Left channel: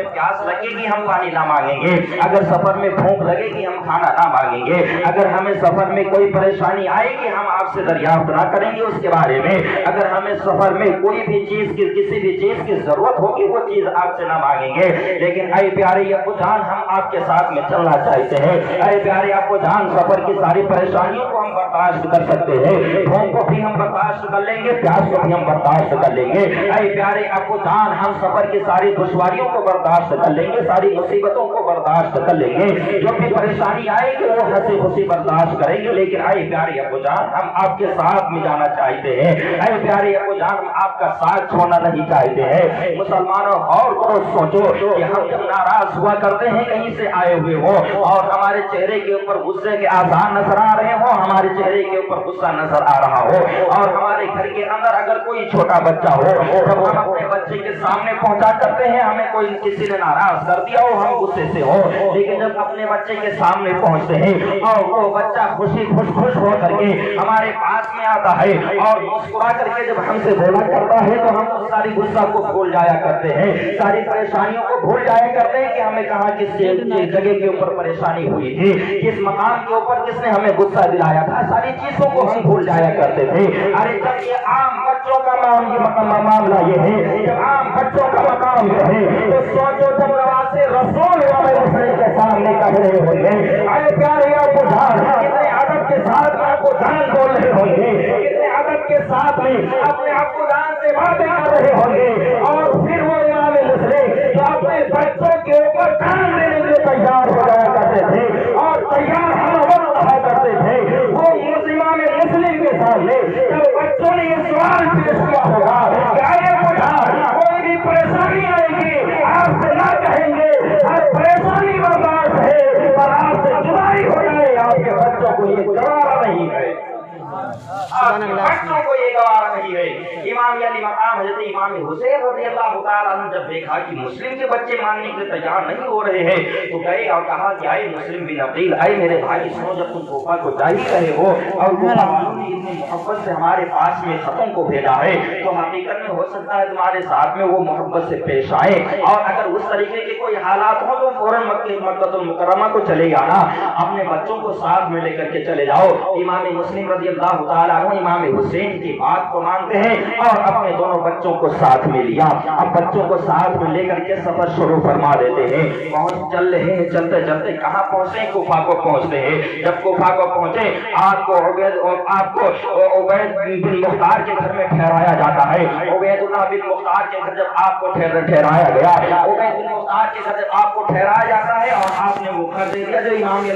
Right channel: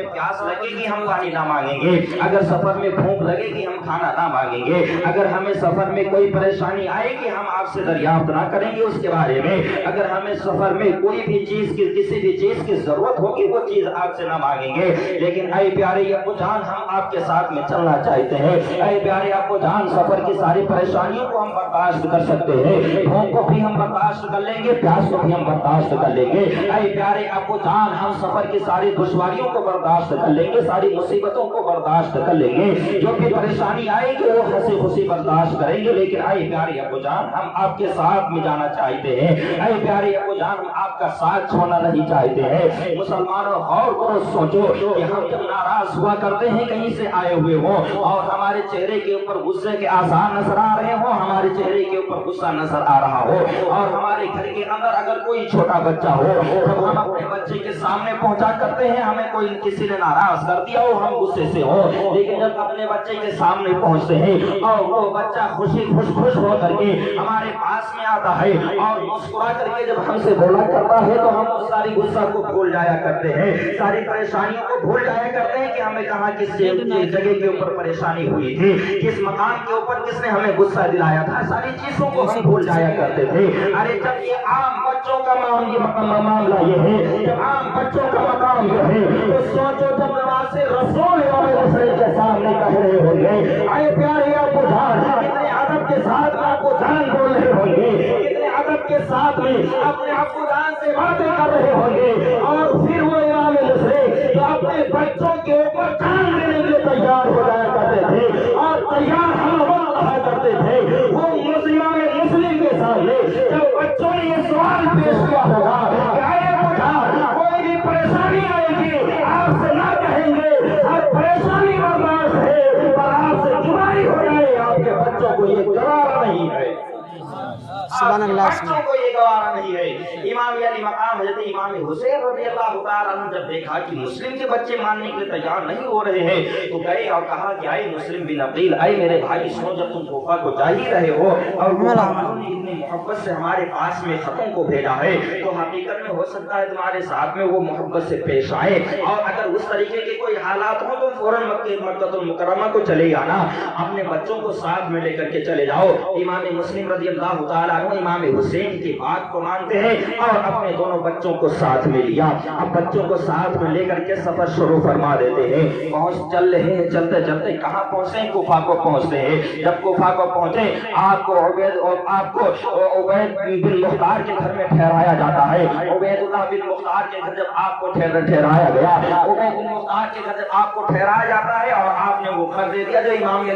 میں پیاس لگے گی ہم پانی نہ مانگیں گے، اگر سفر میں بھوک لگے گی ہم کھانا نہ مانگیں گے، اگر ہمیں سفر میں کوئی پریشانی آئے گی ہم آپ سے دریافت نہ کریں گے اس کے بارے میں، اگر ہمیں سفر میں کوئی بھی چیز کی کسی بھی چیز کی ضرورت ہوگی وہ چیز آپ سے نہ مانگیں گے۔ لیکن اے پیارے ابو جان ہم آپ کے ساتھ میں چلنا چاہتے ہیں، اے پیارے ابو جان سفر کی ساری پریشانیوں کو ہم برداشت کر سکتے ہیں، بھوک کو بھی ہم برداشت کر لیں گے، پیاس کو بھی ہم برداشت کر لیں گے۔ اے پیارے ابو جان ہم سفر کی ساری دشواریوں کو برداشت کر لیں گے، ساری مصیبتوں کو برداشت کر لیں گے، جو بھی پریشانی آئے گی وہ ہنسی خوشی برداشت کریں گے۔ لیکن اے پیارے ابو جان ہم آپ کے ساتھ میں جانا چاہتے ہیں، اے پیارے ابو جان ہم آپ کا ساتھ چھوڑنا نہیں چاہتے ہیں۔ مسلمانوں غور کرو، سوچو کہ ہم جب ناراض ہوا کرتے ہیں کہیں سے آئے ہوئے ہو اور ہمارے چہرے کے اوپر غصے کے آثار نظر آ رہے ہو، ہمارے چہرے کے اوپر غصہ نظر آ رہا ہو، اور ہمارے گھر کے اندر اگر کوئی چھوٹا بچہ ہو جب ہم اپنے بچے کے سامنے پہنچا کرتے ہیں ہمیں کوئی کسی نے ناراض کر دیا ہو ہم غصے سے ہو، لیکن جب اپنے بچے کے سامنے پہنچتے ہیں اور وہ بچہ خوش ہو کر کے ہمارے پاس میں آتا ہے اور مسکرا کر کے جب ہم سے بولا کرتا ہے تو ہم اس ساری غصہ کو بھول جایا کرتے ہیں، ساری پریشانیوں کو بھول جایا کرتے ہیں کہ ہمیں کہاں کس جگہ کے اوپر پریشانی ہوئی تھی، کس مقام کے اوپر کس نے ہمیں غصہ دلایا تھا، ساری چیزوں کو ہم بھول جایا کرتے تھے۔ ارے جب یہ عام بچوں کا معاملہ یہ ہے، جب عام بچوں کا مقام یہ ہے تو سوچو جب نواز رسول کے سامنے کہہ رہے ہوں گے اے پیارے ابو جان، کتنے ادب کے ساتھ ابو جان بول رہے ہوں گے، کتنے ادب کے ساتھ میں اپنے ابو جان سے باتیں کر رہے ہوں گے، اور پھر وہ امام مسلم جو اپنے بچوں کے اوپر جان دینے کے لیے تیار ہو جایا کرتے تھے اور تیار ہم وقت رہا کرتے تھے، وہ امام مسلم کے سامنے جب بچوں نے یہ سوال پیش کیا ہوگا کہ اے ابو جان کوئی بھی پریشانی آئے گی آپ سے نہ کہیں گے، ہر پریشانی برداشت ہے پر آپ سے جدائی ہو جائے، آپ کے بچوں کو یہ گوارا نہیں ہے، بچوں کو یہ گوارا نہیں ہے۔ امام علی مقام حضرت امام حسین رضی اللہ تعالیٰ عنہ جب دیکھا کہ مسلم کے بچے ماننے کے لیے تیار نہیں ہو رہے ہیں تو گئے اور کہا کہ اے مسلم بن عقیل، اے میرے بھائی سنو، جب تم کوفہ کو جا ہی رہے ہو اور کوفہ والوں نے اتنی محبت سے ہمارے پاس میں خطوں کو بھیجا ہے تو حقیقت میں ہو سکتا ہے تمہارے ساتھ میں وہ محبت سے پیش آئے، اور اگر اس طریقے کے کوئی حالات ہوں تو فوراً مکہ المکرمہ کو چلے جانا، اپنے بچوں کو ساتھ میں لے کر کے چلے جاؤ۔ امام مسلم رضی اللہ تعالیٰ عنہ امام حسین کی بات کو مانتے ہیں اور اپنے دونوں بچوں کو ساتھ میں لیا، اب بچوں کو ساتھ میں لے کر کے سفر شروع فرما دیتے ہیں، چل رہے ہیں، چلتے چلتے کہاں پہنچے؟ کوفہ کو پہنچتے ہیں۔ جب کوفہ کو پہنچے آپ کو عبید بن مختار کے گھر میں ٹھہرایا جاتا ہے، عبید اللہ بن مختار کے گھر جب آپ کو ٹھہرایا گیا، عبید بن مختار کے گھر جب آپ کو ٹھہرایا جاتا ہے اور آپ نے وہ خط دے دیا جو امام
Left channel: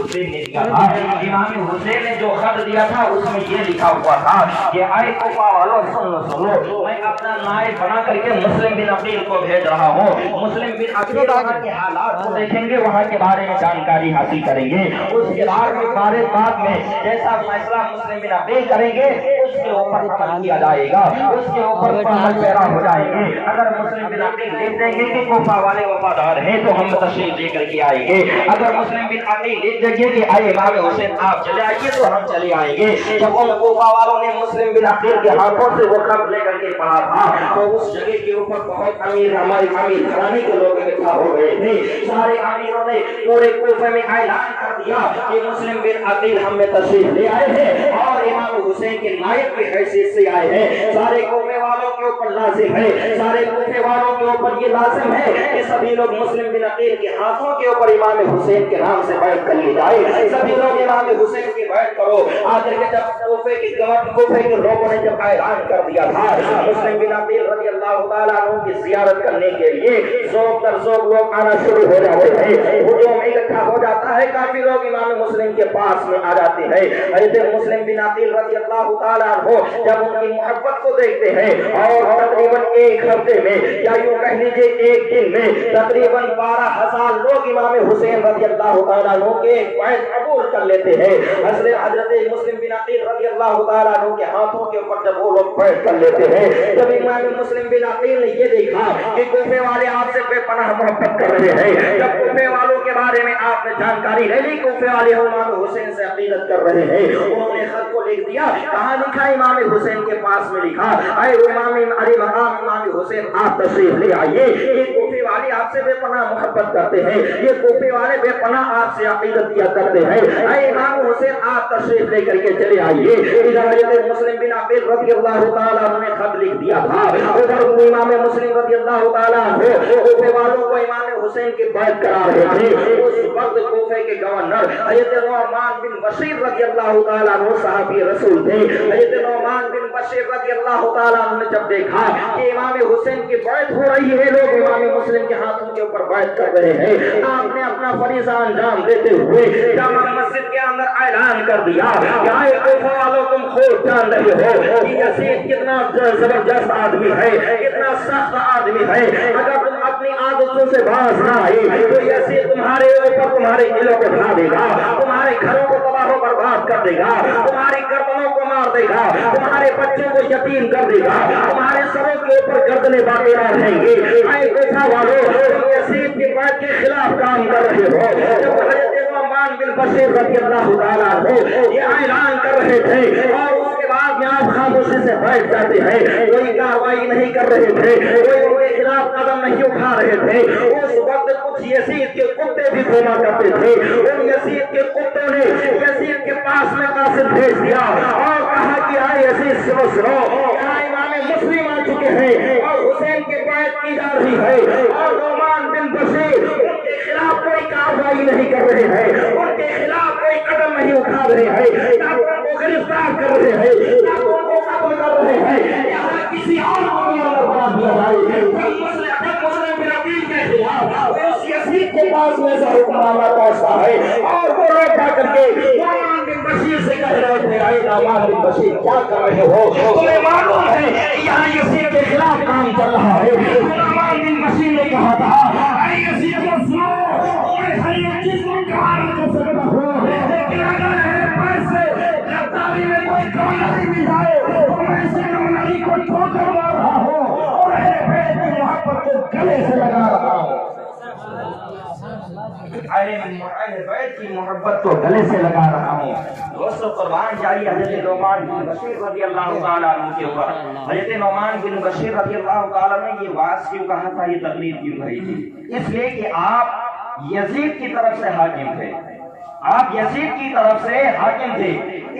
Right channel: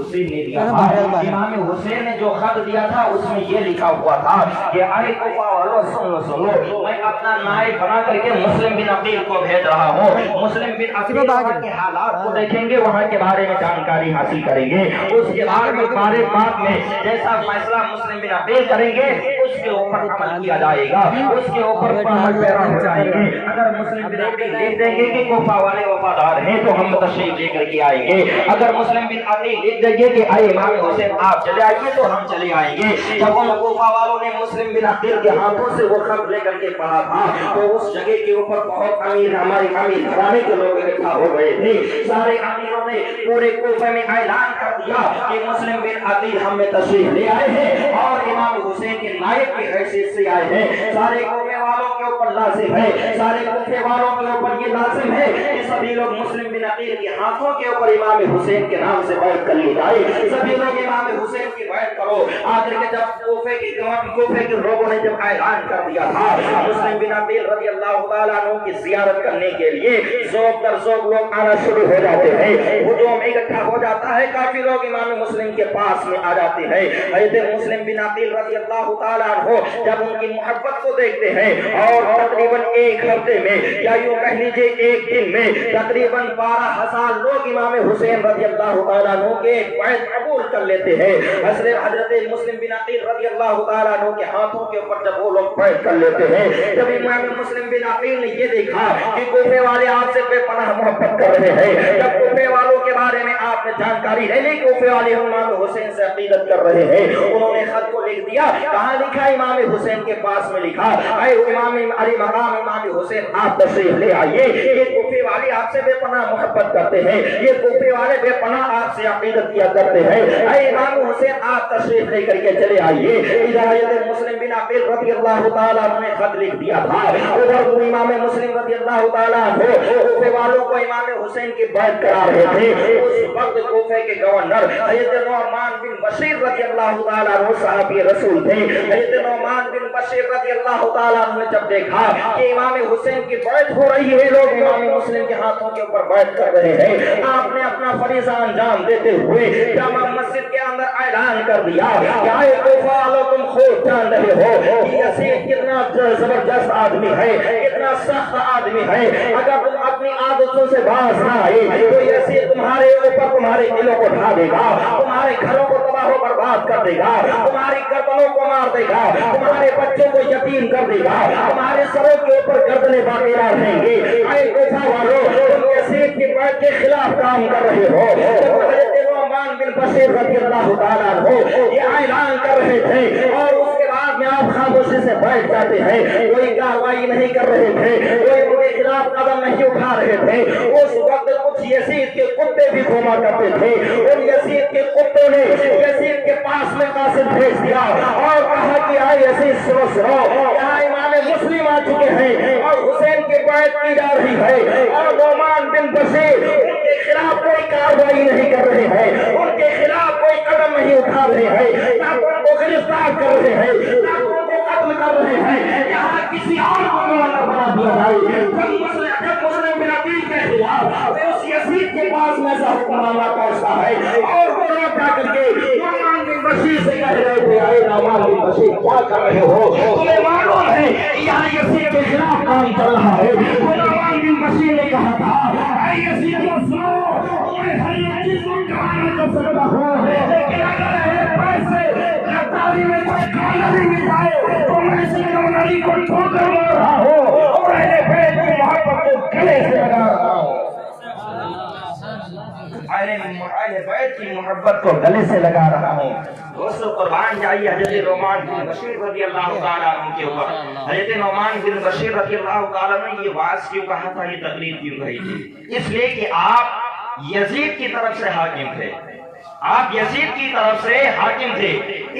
حسین نے دیا تھا، امام حسین نے جو خط دیا تھا اس میں یہ لکھا ہوا تھا کہ اے کوفہ والوں سنو، میں اپنا نائب بنا کر کے مسلم بن عقیل کو بھیج رہا ہوں، مسلم بن عقیل وہاں کے حالات کو دیکھیں گے، وہاں کے بارے میں جانکاری حاصل کریں گے، اس کے بعد میں تمہارے باپ میں جیسا فیصلہ مسلم بن عقیل کریں گے اس کے اوپر عمل کیا جائے گا، اس کے اوپر پہل پیرا ہو جائیں گے۔ اگر مسلم بن عقیل لکھ دیں گے کہ کوفہ والے وفادار ہیں تو ہم تشریف لے کر کے آئیں گے، اگر مسلم بن عقیل لکھ دیں گے کہ اے امام حسین آپ چلے آئیے تو ہم چلے آئیں گے۔ جب ان کوفہ والوں نے مسلم بن عقیل کے ہاتھوں سے وہ خط لے کر کے پڑھا تھا تو اس جگہ کے اوپر بہت ہمارے امیر گھرانے کے لوگ اکٹھا ہو گئے تھے، سارے امیروں نے پورے کوفہ میں اعلان کر دیا کہ مسلم بن عقیل ہم میں تشریف لے آئے ہیں اور امام حسین کے نائب کی حیثیت سے آئے ہیں۔ سارے کوفے والوں کے اوپر لازم ہے، سارے کوفے والوں کے اوپر یہ لازم ہے کہ سبھی لوگ مسلم بن عقیل کے ہاتھوں کے اوپر امام حسین کے نام سے بیعت کر لی جائے، سبھی لوگ امام حسین کی بیعت کرو۔ آخر کے جب کوفے کے لوگوں نے جب اعلان کر دیا تھا مسلم بن عقیل رضی اللہ تعالیٰ عنہ کی زیارت کرنے کے لیے ذوق در ذوق لوگ آنا شروع ہو جاتے ہیں، ہجوم اکٹھا ہو جاتا ہے، کافی لوگ امام مسلم کے پاس میں آ جاتے ہیں۔ حضرت مسلم بن عقیل رضی اللہ تعالیٰ عنہ جب ان کی محبت کو دیکھتے ہیں اور تقریباً ایک ہفتے میں یا یوں کہہ لیجیے ایک دن میں تقریباً 12,000 لوگ امام حسین رضی اللہ تعالیٰ عنہ کے بیعت قبول کر لیتے ہیں۔ حضرت مسلم بن عقیل رضی اللہ تعالیٰ عنہ کے ہاتھوں کے اوپر جب وہ لوگ بیعت کر لیتے ہیں، جب امام مسلم بن عقیل نے یہ دیکھا کہ کوفے والے آپ سے بے پناہ محبت کر رہے ہیں، جب کوفے والوں کے بارے میں آپ نے جانکاری لے لی، کوفے والے امام حسین سے عقیدت کر رہے ہیں، انہوں نے خط کو لکھ دیا، کہاں لکھا؟ امام حسین کے پاس میں لکھا، اے امام علی مقام امام حسین آپ تشریف لے آئیے۔ یہ کوفے والے آپ سے بے پناہ محبت کرتے ہیں، یہ کوفے والے بے پناہ آپ سے عقیدت کیا کرتے ہیں۔ اے امام حسین آپ تشریف لے کر کے چلے آئیے۔ ہدایت مسلم بن عقیل رضی اللہ تعالیٰ عنہ نے خط لکھ دیا تھا، ادھر امام مسلم رضی اللہ تعالیٰ عنہ کوفے والوں کو امام حسین کی بیعت کرا رہے تھے۔ اس وقت کوفے کے گورنر حضرت نعمان بن بشیر رضی اللہ تعالیٰ عنہ صحابی رسول تھے۔ حضرت نعمان بن بشیر رضی اللہ تعالیٰ عنہ نے جب دیکھا کہ امام حسین کی بیعت ہو رہی ہے، لوگ امام مسلم کے ہاتھوں کے اوپر بیعت کر رہے ہیں، آپ نے اپنا فریضہ انجام دیتے ہوئے جامع مسجد کے اندر اعلان کر دیا کہ اے کوفہ والوں تم خود جان رہے ہو کہ یزید کتنا زبردست آدمی ہے، کتنا سخت آدمی ہے، اگر تم اپنی عادتوں سے باز نہ آئے تو یزید تمہارے اوپر تمہارے دلوں کو ڈھا دے گا، تمہارے گھروں کو تباہ و برباد کر دے گا، تمہاری گردنوں کو مار دے گا، تمہارے بچوں کو یتیم کر دے گا، تمہارے سروں کے اوپر گردنیں باقی رہیں گے۔ اے کوفہ والوں تم یزید کی بیعت کے خلاف کام کر رہے ہو۔ جب حضرت نعمان بن بشیر رضی اللہ تعالیٰ عنہ یہ اعلان کر رہے تھے اور اس کے بعد میں آپ خاموشی سے بیٹھ جاتے ہیں، کوئی کارروائی نہیں کر رہے تھے، کوئی ان کے خلاف قدم نہیں اٹھا رہے تھے، اس وقت کچھ یزید کے کتے بھی گھوما کرتے تھے۔ ان یزید کے کتوں نے یزید کے پاس میں قاصد بھیج دیا اور کہا کہ اے یزید سنو سنو، یہاں امام مسلم آ چکے ہیں اور حسین کی بیعت کی جا رہی ہے اور نعمان بن بشیر ان کے خلاف کوئی کارروائی نہیں کر رہے ہیں، ان کے خلاف کوئی قدم نہیں اٹھا رہے ہیں، نہ ان کو گرفتار کر رہے ہیں، نہ ان کو قتل کر رہے ہیں، یہاں کسی اور کو معاملہ بنا دیا بھائی۔ مسلم بن عقیل کے خلاف اس یزید کے پاس میں ایسا معاملہ پہنچتا ہے اور وہ روکا کر کے نعمان بن بشیر سے کہہ رہے تھے اے نعمان بن بشیر کیا کر رہے ہو، تمہیں معلوم ہے یہاں یزید کے خلاف کام چل رہا ہے۔ نعمان بن بشیر نے کہا تھا اے یزید سنو، میں ہر ایک چیز کو کہاں کر سکتا ہوں، لیکن اگر ہے پیسے غداری میں کوئی کامیابی مل جائے تو میں سے کامیابی کو ٹھوکر مار رہا ہوں اور اے بیت کی محبت کو گلے سے لگا رہا ہوں، اہل بیت کی محبت کو گلے سے لگا رہا ہوں۔ دوستو قربان جائیے حضرت نعمان بن بشیر رضی اللہ تعالیٰ عنہ کے اوپر۔ حضرت نعمان بن بشیر رضی اللہ تعالیٰ نے یہ واعظ کیوں کہا تھا، یہ تقریر کیوں کہی تھی؟ اس لیے کہ آپ یزید کی طرف سے حاکم تھے، آپ یزید کی طرف سے حاکم تھے،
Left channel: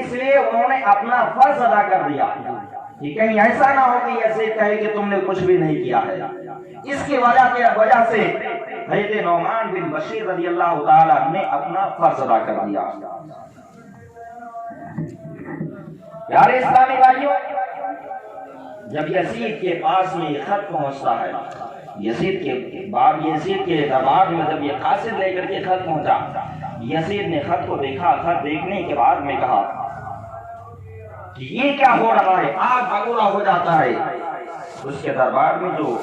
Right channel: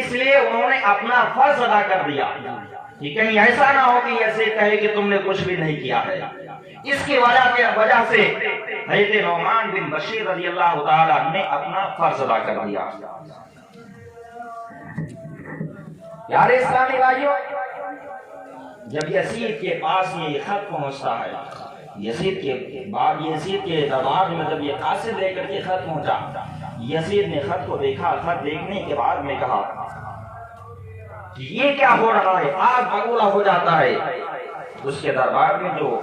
اس لیے انہوں نے اپنا فرض ادا کر دیا کہ کہیں ایسا نہ ہو کہ یزید کہے کہ تم نے کچھ بھی نہیں کیا ہے۔ اس کی وجہ سے حضرت نعمان بن بشیر رضی اللہ تعالیٰ نے اپنا فرض ادا کر دیا۔ یار اسلامی بھائیوں، جب یزید کے پاس میں یہ خط پہنچتا ہے، یزید کے دربار میں جب یہ قاصد لے کر کے خط پہنچا، یزید نے خط کو دیکھا، خط دیکھنے کے بعد میں کہا کہ یہ کیا ہو رہا ہے، آگ بگولا ہو جاتا ہے۔ اس کے دربار میں جو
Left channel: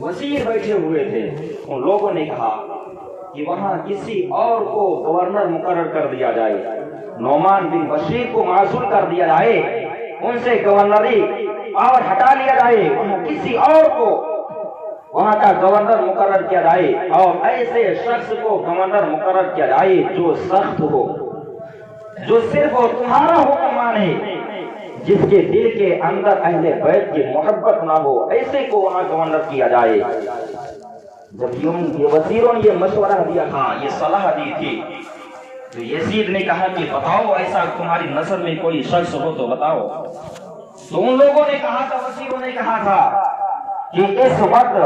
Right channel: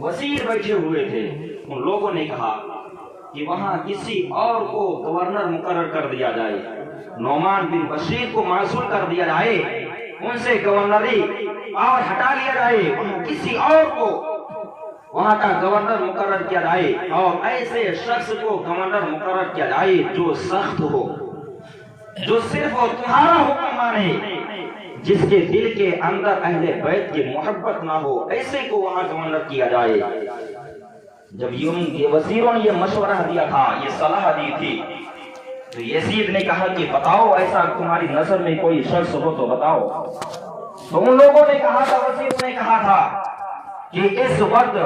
وزیر بیٹھے ہوئے تھے ان لوگوں نے کہا کہ وہاں کسی اور کو گورنر مقرر کر دیا جائے، نعمان بن بشیر کو معزول کر دیا جائے، ان سے گورنری اور ہٹا لیا جائے، وہاں کسی اور کو وہاں کا گورنر مقرر کیا جائے اور ایسے شخص کو گورنر مقرر کیا جائے جو سخت ہو، جو صرف تمہارا حکم مانے، جس کے دل کے اندر اہل بیت کی محبت نہ ہو، ایسے کو وہاں گورنر کیا جائے۔ جب یہ وزیروں نے یہ مشورہ دیا تھا، یہ صلاح دی تھی، تو یزید نے کہا کہ بتاؤ ایسا تمہاری نظر میں کوئی شخص ہو تو بتاؤ۔ تو ان لوگوں نے کہا تھا، وزیروں نے کہا تھا کہ اس وقت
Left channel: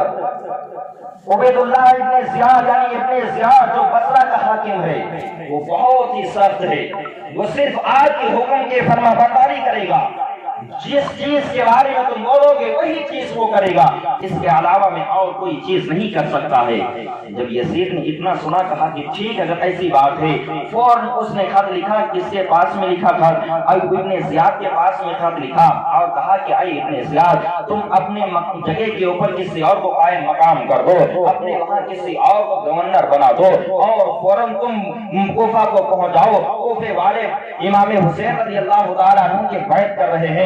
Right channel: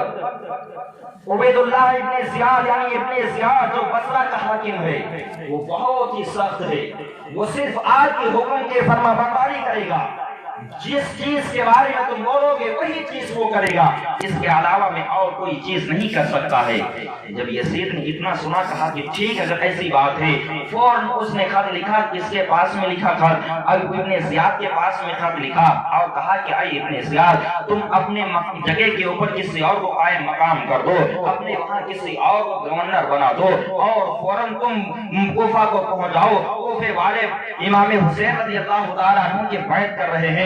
عبید اللہ ابن زیاد یعنی ابن زیاد جو بصرہ کا حاکم ہے وہ بہت ہی سخت ہے، وہ صرف آپ کے حکم کے فرما برداری کرے گا، جس چیز کے بارے میں تم بولو گے وہی چیز وہ کرے گا، اس کے علاوہ میں اور کوئی چیز نہیں کر سکتا ہے۔ جب یزید نے اتنا سنا کہا کہ ٹھیک اگر ایسی بات ہے، فوراً اس نے خط لکھا، کس کے پاس میں لکھا تھا، ابن زیاد کے پاس میں خط لکھا اور کہا کہ اے ابن زیاد تم اپنے جگہ کے اوپر کسی اور کو قائم مقام کر دو، اپنے وہاں کسی اور کو گورنر بنا دو اور فوراً تم کوفہ کو پہنچ جاؤ، کوفے والے امام حسین رضی اللہ تعالیٰ عنہ کی بیعت کر رہے ہیں،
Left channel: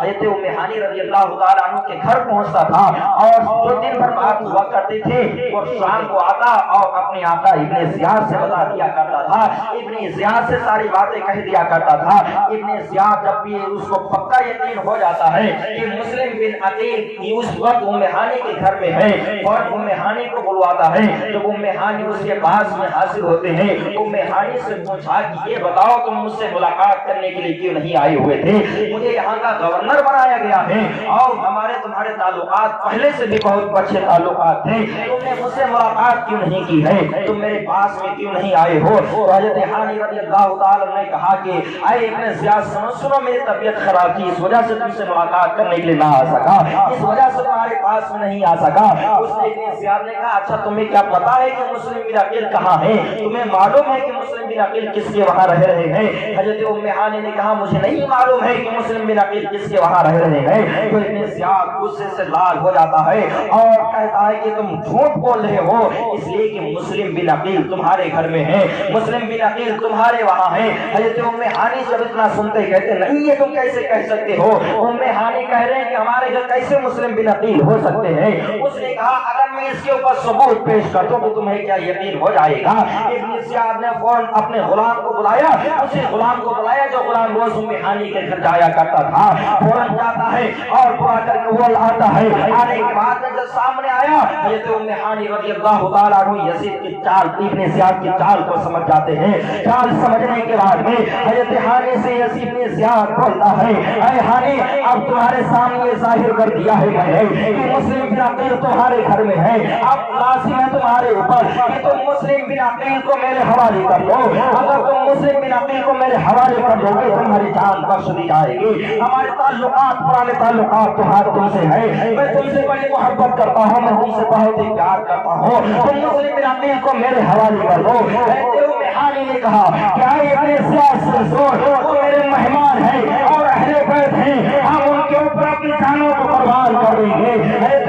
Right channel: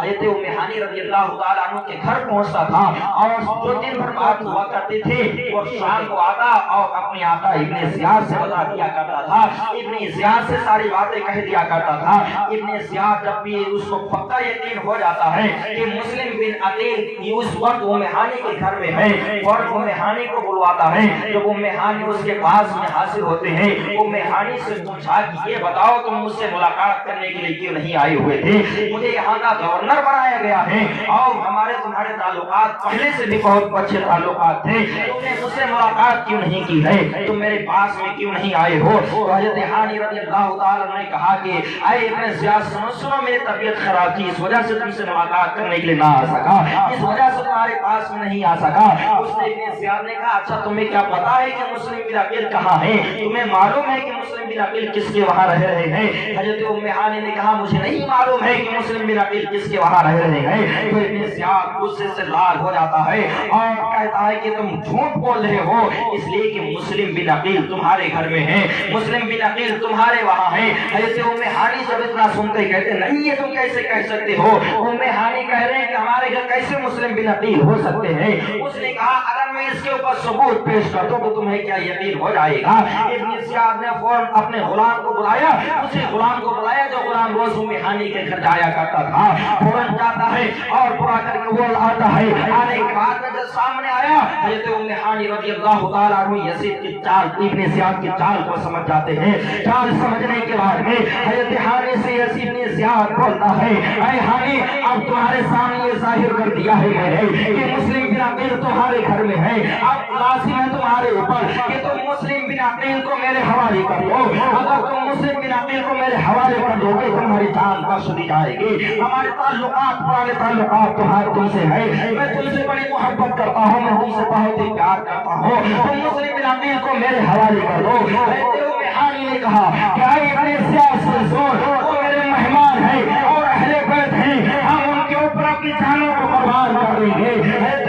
حضرت ام ہانی رضی اللہ تعالیٰ عنہ کے گھر پہنچتا تھا اور جو دن بھر بات ہوا کرتے تھے وہ شام کو آتا اور اپنے آقا ابن زیاد سے بتا دیا کرتا تھا. ابن زیاد سے ساری باتیں کہہ دیا کرتا تھا. ابن زیاد جب بھی اس کو پکا یقین ہو جاتا ہے کہ مسلم بن عقیل اس وقت ام ہانی کے گھر میں ہے اور ام ہانی کو بلواتا ہے. جب ام ہانی اس کے پاس میں حاضر ہوتے ہیں ام ہانی سے پوچھا کہ یہ بتاؤ تم مجھ سے ملاقات کرنے کے لیے کیوں نہیں آئے ہوئے تھے؟ مجھے یہاں کا گورنر بنایا گیا ہے اور ہمارے تمہارے تعلقات پہلے سے بھی بہت اچھے تعلقات تھے. تم نے مجھ سے ملاقات کیوں نہیں کی ہے؟ تم میرے پاس میں کیوں نہیں آئے ہو؟ تو حضرت ہانی رضی اللہ تعالی نے کہا کہ اے ابن زیاد سنو میری طبیعت خراب تھی اس وجہ سے تم سے ملاقات کرنے کے لیے نہ آ سکا, اس وجہ سے تمہارے پاس میں نہیں آ سکا. اس نے ابن زیاد نے کہا اچھا تمہیں کیا پتا ہے کہ مسلم بن عقیل کہاں ہے؟ تمہیں معلوم ہے کہ مسلم بن عقیل کس کے وہاں رہ رہے ہیں؟ حضرت ام ہانی نے کہا مجھے نہیں معلوم ہے کہ مسلم بن عقیل کس کے وہاں رہ رہے ہیں. تو ابن زیاد غصے سے لال ہو جاتا ہے اور کہتا ہے کہ تم جھوٹ بول رہے ہو اس لیے کہ مسلم بن عقیل تمہارے گھر میں ہے, مسلم بن عقیل تمہارے وہاں ہے. حضرت ام ہانی جب اتنا سنتے کہتے نہیں یہ تم کیسے کہہ سکتے ہو؟ ام ہانی کہہ رہے ہیں کہ ہمارے گھر کیسے مسلم بن عقیل ہو سکتے ہیں؟ اس نے کہا اگر میں اس کے اوپر ثبوت پیش کر دوں تو تمہیں کیا یقین ہو جائے گا؟ ابن زیاد نے فوراً اپنے غلام کو بلایا, اسی غلام کو بلایا جو غلام روز ام ہانی کے گھر جایا کرتا تھا. فوراً جاتا ہے اور بلا کر کے وہ آتا ہے. آنے کے بعد جب سامنے آیا حضرت ام ہانی رضی اللہ تعالیٰ عنہ یزید کی چال ابن زیاد کی چال کو سمجھ جاتے ہیں. چال سمجھنے کے بعد میں حضرت ہانی سے یزید نے زیاد بولتا ہے اے ہانی اب تمہارے سامنے یہ ظاہر کر دیا ہے میں نے کہ مسلم بن عقیل تمہارے گھر میں ہے. اب لازم ہے تمہارے اوپر کہ تم مسلم بن عقیل کو میرے حوالے کر دو. اگر تم مسلم بن عقیل کو میرے حوالے کر دو گے تمہاری جان بخش دی جائے گی. ہمارے تعلقات پرانے تعلقات تم سے ہے, میں تم سے بڑی محبت کرتا ہوں, میں تم سے بہت ہی پیار کرتا ہوں. تم مسلم بن عقیل کو میرے حوالے کر دو. ام ہانی نے کہا کہ اے ابن زیاد وہ میرے مہمان ہیں اور اہل بیت ہیں, ہم ان کے اوپر اپنی جانوں کو قربان کر دیں گے.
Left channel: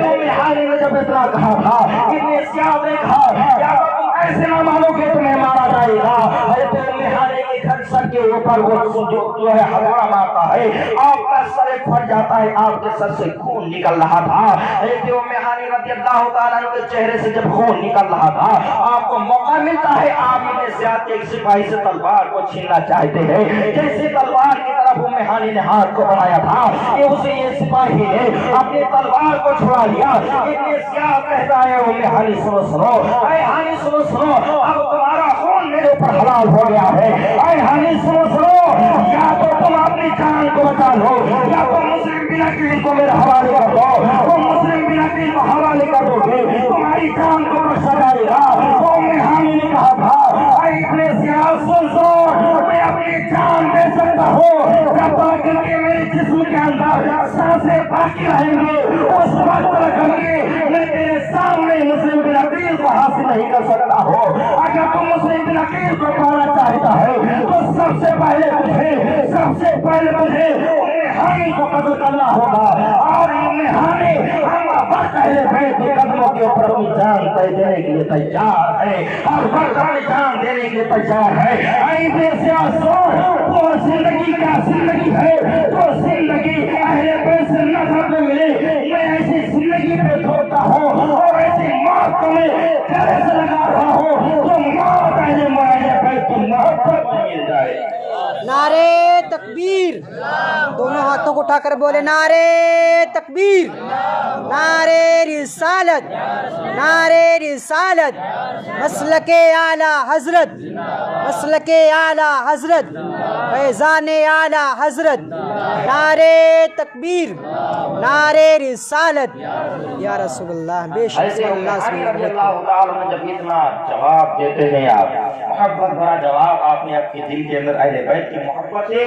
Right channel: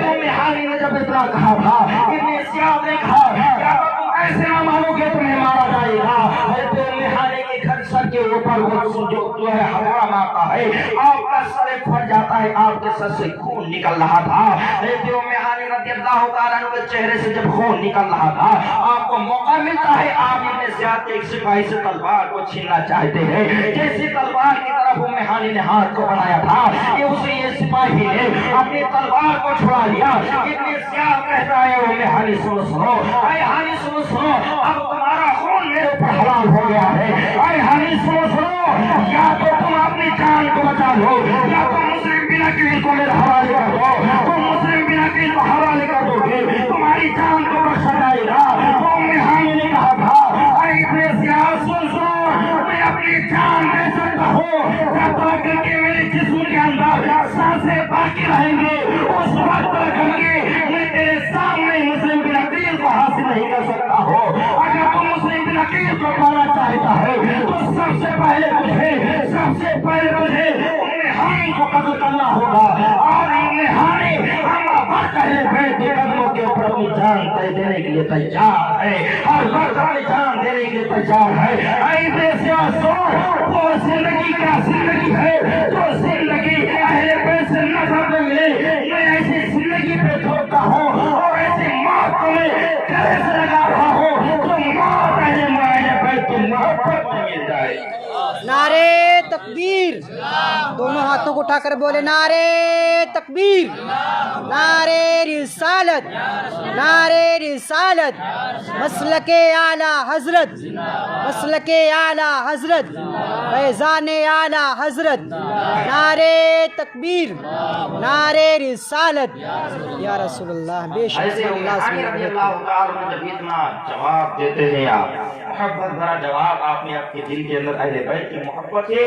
ام ہانی نے جب اتنا کہا تھا ابن زیاد نے کہا کہ اگر تم ایسے نہ مانو گے تمہیں مارا جائے گا. ام ہانی کے گھر سر کے اوپر وہ جو ہے ہوا مارتا ہے, آپ کا سر پھٹ جاتا ہے, آپ کے سر سے خون نکل رہا تھا. ام ہانی رضی اللہ تعالیٰ عنہ کے چہرے سے جب خون نکل رہا تھا آپ کو موقع ملتا ہے آپ ابن زیاد کے ایک سپاہی سے تلوار کو چھیننا چاہتے ہیں. جیسے تلوار کی طرف ام ہانی نے ہاتھ کو بڑھایا تھا کہ اسے یہ سپاہی نے اپنی تلوار کو چھڑا لیا. ابن زیاد کہتا ہے ام ہانی سنو اے ہانی سنو اب تمہارا خون میرے اوپر حلال ہو گیا ہے. اے ہانی سنو یا تو تم اپنی جان کو بچا لو یا تو مسلم بن عقیل کو میرے حوالے کر دو. تم مسلم بن عقیل کو حوالے کر دو گے تمہاری جان کو بخشا جائے گا. ام ہانی نے کہا تھا اے ابن زیاد سن میں اپنی جان دے سکتا ہوں جب تک کہ میرے جسم کے اندر سانسیں باقی رہیں گے اس وقت تک میں تیرے سامنے مسلم بن عقیل کو حاصل نہیں کر سکتا ہوں. اگر تم مسلم بن عقیل کو پانا چاہتا ہے تو سب سے پہلے تجھے ام ہانی کو قتل کرنا ہوگا. اور ام ہانی پہلے بیٹھ کے قدموں کے اوپر اپنی جان دینے کے لیے تیار ہے اور وقت اپنی جان دینے کے لیے تیار ہے. ابن زیاد وہ زندگی کا زندگی ہے جو زندگی اہل بیت سے نظر میں ملے میں ایسی زندگی پہ چھوڑتا ہوں اور ایسی موت کو میں گلے سے لگا رہا ہوں تو موت اہل بیت کو محبت میں مل جائے. نعرے تکبیر, دونوں ہاتھوں کو اٹھا کر بولے نعرے تکبیر, نعرے رسالت, نعرے رسالت, مسلک اعلی حضرت, مسلک اعلی حضرت, فیضان اعلی حضرت, نعرے تکبیر, نعرے رسالت. یا رسول اللہ بے شک اللہ تعالیٰ جب اتنا جواب دیتے ہیں آپ محبت بھرا جواب آپ نے اپنے دل کے اندر اہل بیت کی محبت ہے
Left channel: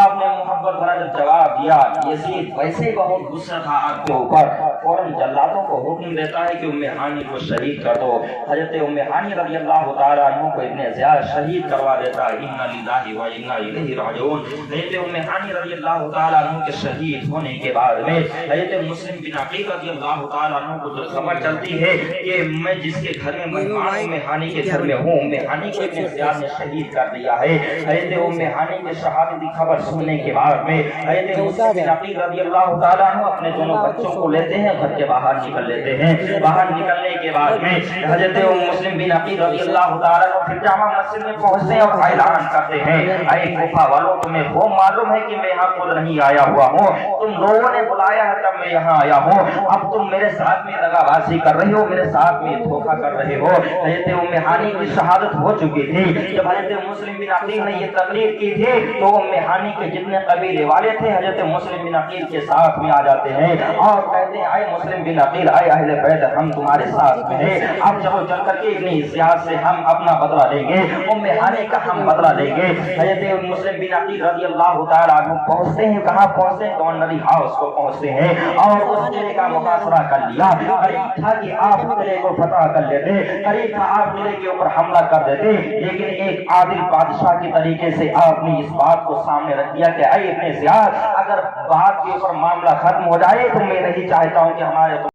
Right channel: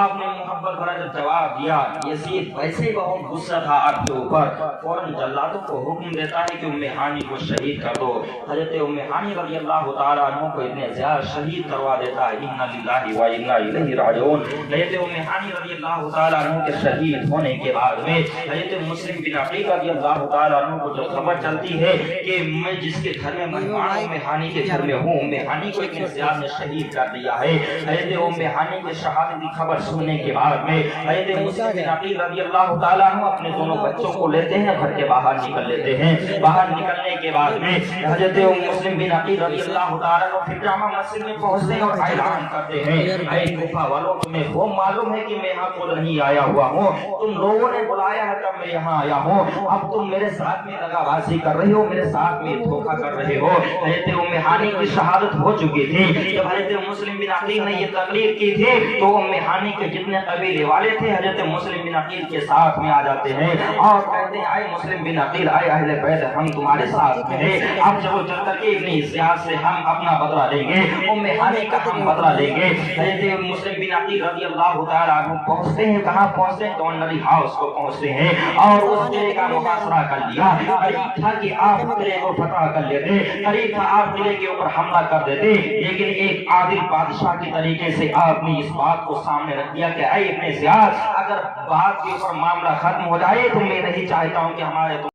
آپ نے محبت بھرا جب جواب دیا. یزید ویسے بہت غصہ تھا آپ کے اوپر, فوراً جلادوں کو حکم دیتا ہے کہ ام ہانی کو شہید کر دو. حضرت ام ہانی رضی اللہ تعالیٰ عنہ کو ابن زیاد شہید کروا دیتا ہے. انا للہ و انا الیہ راجعون. حضرت ام ہانی رضی اللہ تعالیٰ عنہ کے شہید شہید ہونے کے بعد میں حضرت مسلم بن عقیل رضی اللہ تعالیٰ عنہ کو جو خبر چلتی ہے کہ میں جس کے گھر میں ہانی کے گھر میں ہوں، ہانی کو ابن زیاد نے شہید کر دیا ہے۔ حضرت ہانی کے شہادت کی خبر سننے کے بعد میں حضرت مسلم بن عقیل رضی اللہ تعالیٰ عنہ اپنے دونوں بچوں کو لیتے ہیں، گھر کے باہر نکل لیتے ہیں۔ باہر نکلنے کے بعد میں حضرت مسلم بن عقیل رضی اللہ تعالیٰ عنہ پھر جامع مسجد میں پہنچتے ہیں اور اعلان کرتے ہیں، اے کوفہ والوں، تمہیں وہ معلوم ہے کہ میں یہاں خود نہیں آیا ہوا ہوں، تم لوگوں نے بلایا ہے تب میں یہاں آیا ہوں، اب تم میرے ساتھ میں دغا بازی کر رہے ہو، میرے ساتھ میں دھوکہ کر رہے ہو۔ حضرت ہانی کی شہادت ہو چکی تھی۔ جب حضرت مسلم بن عقیل نے یہ تقریر کی تھی تو ہانی کے جتنے قبیلے والے تھے حضرت مسلم بن عقیل کے ساتھ میں آ جاتے ہیں اور کہتے ہیں، اے مسلم بن عقیل، اے اہل بیت، ہم تمہارے ساتھ میں ہیں، اب چلو چل کر کے ابن زیاد سے ہم اپنا بدلہ لیں گے، ہانی کا ہم بدلہ لیں گے۔ حضرت مسلم بن عقیل رضی اللہ تعالیٰ عنہ پہنچتے ہیں، کہاں پہنچتے ہیں؟ گورنری ہاؤس کو پہنچتے ہیں اور اس قلعے کا محاصرہ کر لیا۔ قریب تھا کہ آپ قلعے کو فتح کر لیتے، قریب تھا آپ قلعے کے اوپر حملہ کر دیتے، لیکن ایک عادل بادشاہ کی طریقے سے آپ نے اس بات کو سامنے رکھ دیا کہ اے ابن زیاد، اگر بات کے اوپر معاملہ ختم ہو جائے تو میں نہیں چاہتا ہوں کہ ہمارے